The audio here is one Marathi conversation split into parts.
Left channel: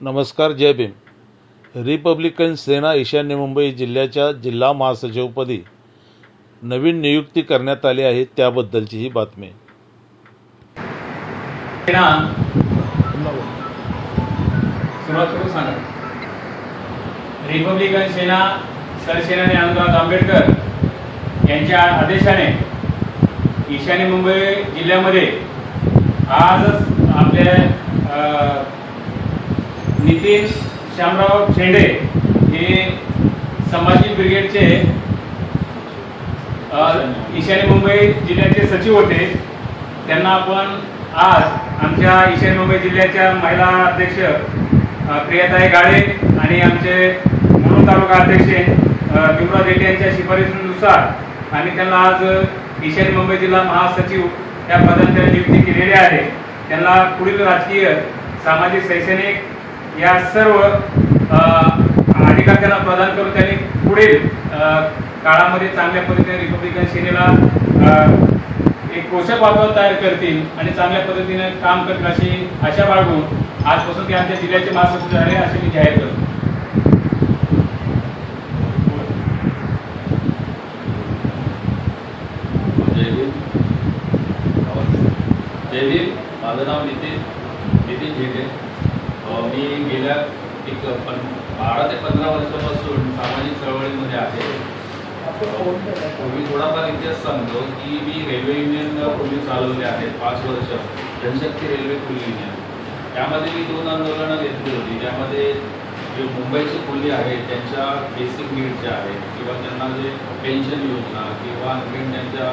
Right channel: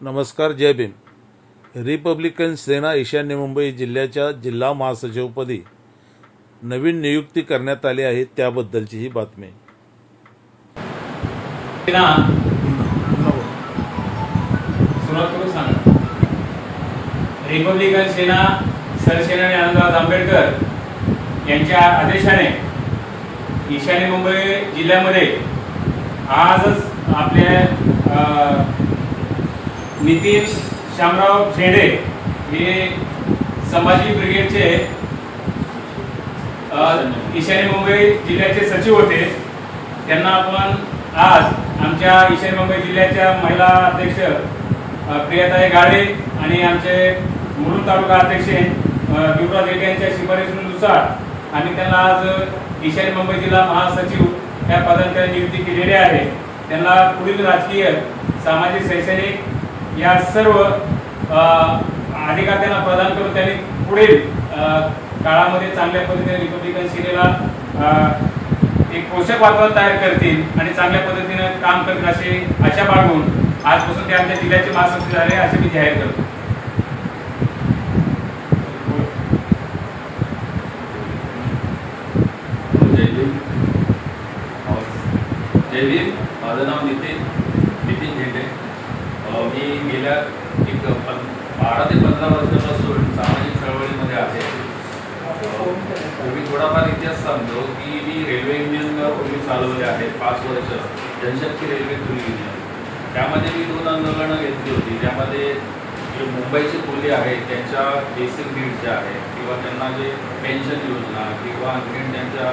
नमस्कार, जय भीम। रिपब्लिकन सेना ईशान्य मुंबई जिल्ह्याच्या जिल्हा महासचिवपदी नवीन नियुक्ती करण्यात आली आहे, त्याबद्दलची ही बातमी। रिपब्लिकन सेना सरसेनानी आनंदराव आंबेडकर यांच्या आदेशाने ईशान्य मुंबई जिल्ह्यामध्ये आजच आपल्या नितीन श्यामराव शेंडे हे संभाजी ब्रिगेडचे ईशान्य मुंबई जिल्ह्याचे सचिव होते। त्यांना आपण आज आमच्या ईशान्य मुंबई जिल्ह्याच्या महिला अध्यक्ष प्रियाताई गाडे आणि आमचे मुलुंड तालुका अध्यक्ष युवराज रेड्डी यांच्या शिफारशीनुसार आम्ही त्यांना आज ईशान्य मुंबई जिल्हा महासचिव या पदांची नियुक्ती केलेली आहे। त्यांना पुढील राजकीय, सामाजिक, शैक्षणिक या सर्व अधिकार त्यांना प्रदान करून त्यांनी पुढील काळामध्ये चांगल्या पद्धतीने रिपब्लिकन सेनेला एक पोषक वातावरण तयार करतील आणि चांगल्या पद्धतीने काम करतील अशी आशा बाळगून आजपासून ते आमच्या जिल्ह्याचे महासचिव झाले असे मी जाहीर करतो। जय भीम। माझं नाव नितीन झेटे। मी गेल्या एक 12 ते 15 वर्षापासून सामाजिक चळवळीमध्ये आहे। मी थोडाफार इतिहास सांगतो की मी रेल्वे युनियन पूर्वी चालवले आहे 5 वर्ष, जनशक्ती रेल्वे खुली युनियन। त्यामध्ये मी 2 आंदोलनं घेतली होती, ज्यामध्ये जे मुंबईचे कुली आहेत त्यांच्या बेसिक नीड्स ज्या आहेत किंवा त्यांना जे पेन्शन योजना किंवा आणखी त्यांच्या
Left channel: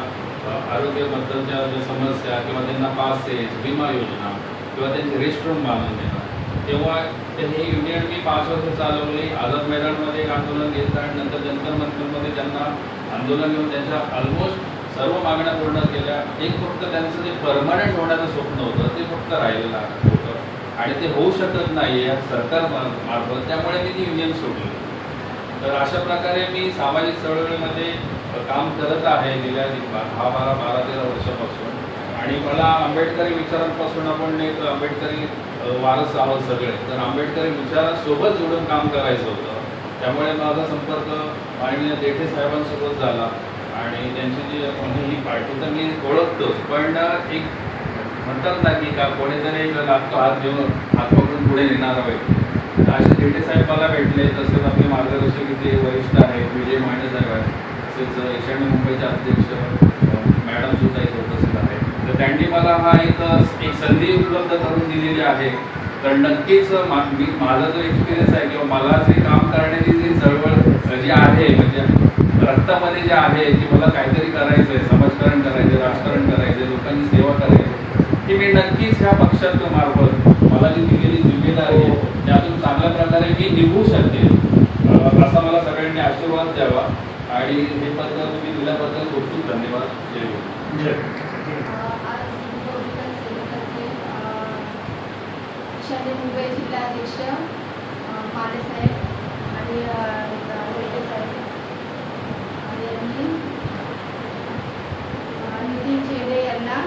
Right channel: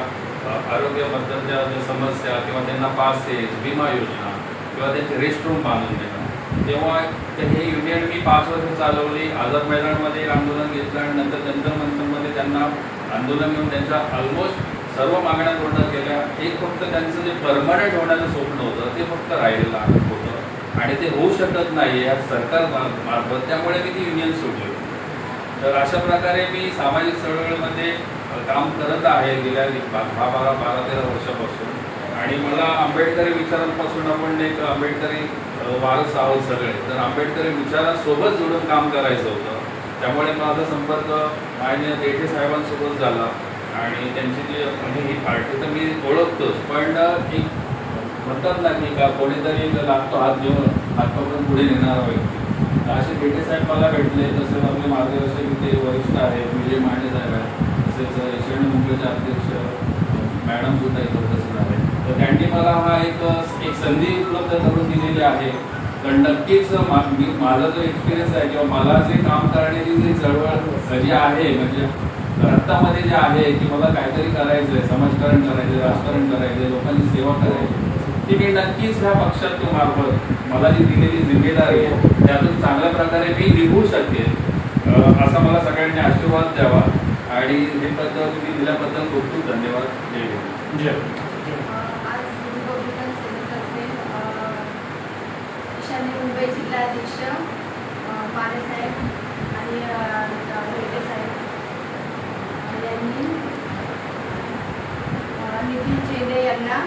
आरोग्याबद्दलच्या ज्या समस्या किंवा त्यांना पासेस, विमा योजना किंवा त्यांचे रेस्टरूम बांधून देणं, तेव्हा हे युनियन मी 5 वर्ष चालवली। आझाद मैदानमध्ये एक आंदोलन घेतलं आणि नंतर जंतर मंतरमध्ये त्यांना आंदोलन घेऊन त्यांच्या ऑलमोस्ट सर्व मागण्या पूर्ण केल्या। एक फक्त त्यांचं जे परमनंट होण्याचं स्वप्न होतं ते फक्त राहिलेलं होतं आणि ते होऊ शकत नाही या सरकार मार्फत, त्यामुळे मी ती युनियन सोडली। तर अशा प्रकारे मी सामाजिक चळवळीमध्ये काम करत आहे गेल्या 12-13 वर्षापासून। आणि मला आंबेडकरी विचारांपासून आपण एक आंबेडकरी वारस आहोत सगळे, तर आंबेडकरी विचारांसोबत जोडून काम करायचं होतं। त्यामुळे माझा संपर्क माननीय देठे साहेबांसोबत झाला आणि त्यांची जी म्हणजे ही पार्टी तर मी ओळखतोच, पण एक म्हणतात ना की का कोणीतरी एक लागतो हात घेऊन हात पकडून पुढे नेणारा व्यक्ती, तर असे देठे साहेब मला भेटले। तसेच आपले मार्गदर्शक इथे वरिष्ठ आहे विजय मांडे साहेब आहेत, तसेच ईशान्य मुंबईचे अध्यक्ष मॅडम सुद्धा इथे उपस्थित आहेत। तर त्यांनी मला हा एक संधी उपलब्ध करून दिलेली आहे। तर नक्कीच माझा जो एक्सपिरियन्स आहे किंवा मला जे काम करण्याची जी चळवळ जी आहे म्हणजे रक्तामध्ये जे आहे की मला काहीतरी करायचं आहे, समाजकारण करायचं आहे, राजकारण करायचं आहे, लोकांची सेवा करायची, ती मी नक्कीच ह्या पक्षाच्या मार्फत मला जी दिलेली जिम्मेदारी आहे त्यातून चांगल्या प्रकारे मी निभू शकेल असा मला सगळ्यांनी आशीर्वाद द्यावा। आणि हे पद तुम्ही दिल्याबद्दल खूप खूप धन्यवाद। जय ईशान्य मुंबई जिल्हाध्यक्ष माने साहेब आणि रेड्डी साहेब यांनी नितीन शेंडे यांना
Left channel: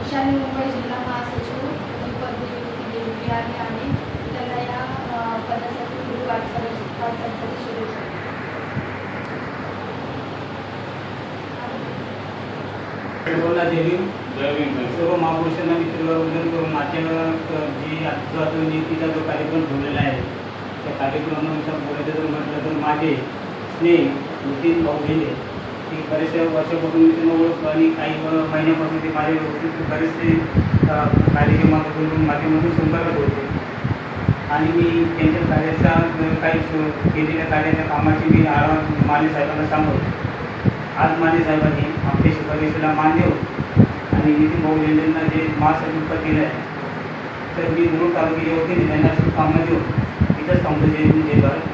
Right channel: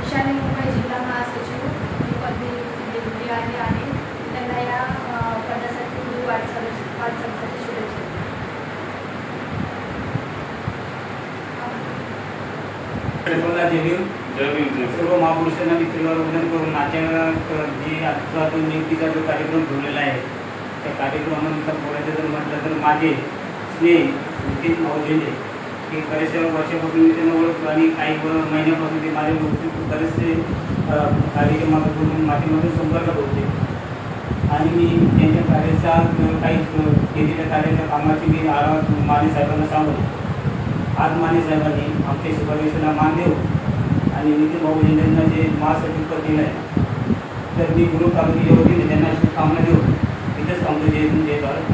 ईशान्य मुंबई जिल्हा महासचिव ही पदवी दिली आहे। त्यांना या पदासाठी पुढील वाटचालीसाठी शुभेच्छा। सर्व महापुरुषांना मी वंदन करून नाट्यांना जी आजचा नियुक्तीचा जो कार्यक्रम ठेवलेला आहे त्या कार्यक्रमानुसार बोलायचं जर म्हटलं तर माझे स्नेह नितीन भाऊ झेंडे की बरेचशा वर्षापासून मी त्यांना ओळखतो आणि काही महिन्यापासून ते माझे बरेचसे कार्यक्रमातून माध्यमातून संपर्कात होते आणि मी त्यांच्या कार्याचा काही केलेल्या कार्याच्या कामाची मी आरामात माने साहेबांना सांगतो। आज माने साहेबांनी आमच्या शिफारशीला मान देऊन आणि नितीन भाऊ झेंडेंना जे महासचिव पद दिलं आहे तर मी मुलुंड तालुक्याच्या वतीने त्यांना शुभकामना देऊन इथंच थांबतो। जय भारत।